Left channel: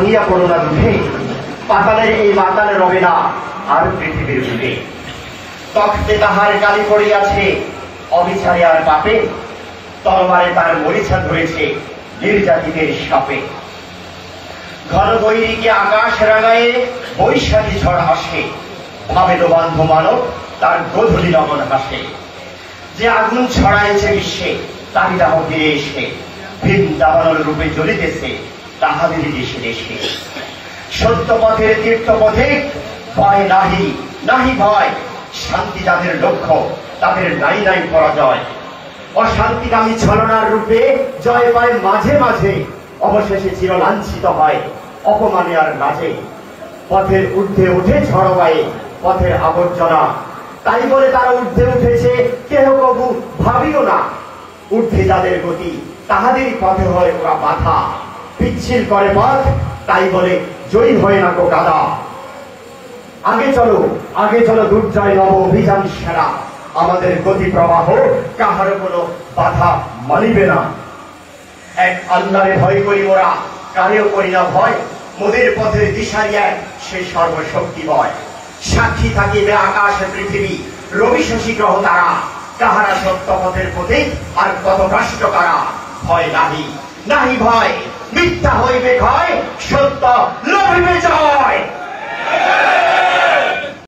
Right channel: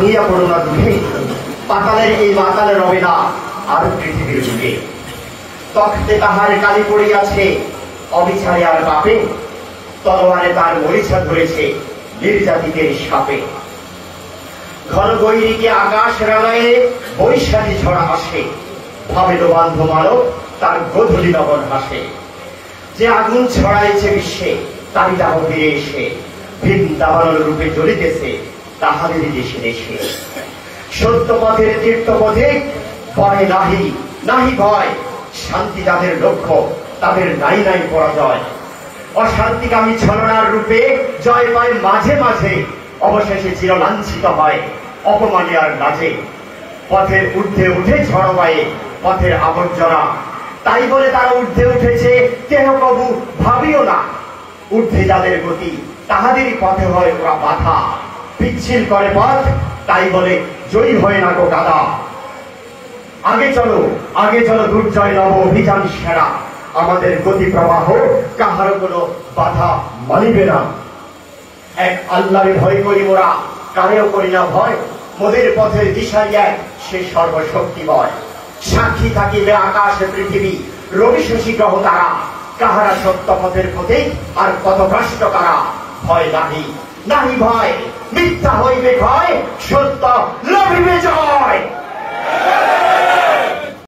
ভাঙিয়া পড়ো না দুঃখে, পাতালের এই মাতালে রবে না আর পৃথিবীর বুকে। তখতে তাহার কালি পড়িয়াছে অবিচারে আর পাপে, তলোয়ারে তার মরিচা ধরেছে নির্যাতিতের সাপে। ঘন বৈরীকে আকাশ রাঙায়ে বৈশাখী ঝড় আসে, ভাবেদ বান্ধ মানব তার গোধূলি লগন হাসে। যে আগুন ছড়াইছে বিশ্বে তারই দাহ ফিরে এসে, বৃন্দাবন রূপে জ্বলিতেছে তাহাদেরই দেশে দেশে। সত্য পথের তীর্থপথে ভয় নাহি, নাহি ভয়, শান্তি যাদের লক্ষ্য তাদের নাই নাই পরাজয়। অশান্তিকামী ছলনার রূপে জয় পায় মাঝে মাঝে, অবশেষে চিরলাঞ্ছিত হয় অপমানে আর লাজে। পথের ঊর্ধ্বে উঠে ঝড় বায়ে পথের আবর্জনা, তাই বলে তারা ঊর্ধ্বে উঠেছে কেহ কবু ভাবিও না। ঊর্ধ্বে যাদের গতি তাহাদেরই পথে হয় ওরা বাধা, পিচ্ছিল করে পথ তাই বলে জয়ী হয় না কো দাদা। আগে চলো দুর্জয় নব অভিযান সেরা, আমাদের গতি প্রবাহ কাহার কোনো বাধা মানিবে না। এক আল্লাহরে ভয় করি মোরা, কারেও করি না ভয়, মোদের পথের দিশারি এক সে সর্বশক্তিময়। সাক্ষী থাকিবে আকাশ পৃথিবী রবি শশী গ্রহ তারা, কাহারা সত্য পথের পথে আর কত ভ্রষ্ট কারা। ভয় নাহি, নাহি ভয়, মিথ্যা হইবে ভয়, সত্য লভিবে জয়।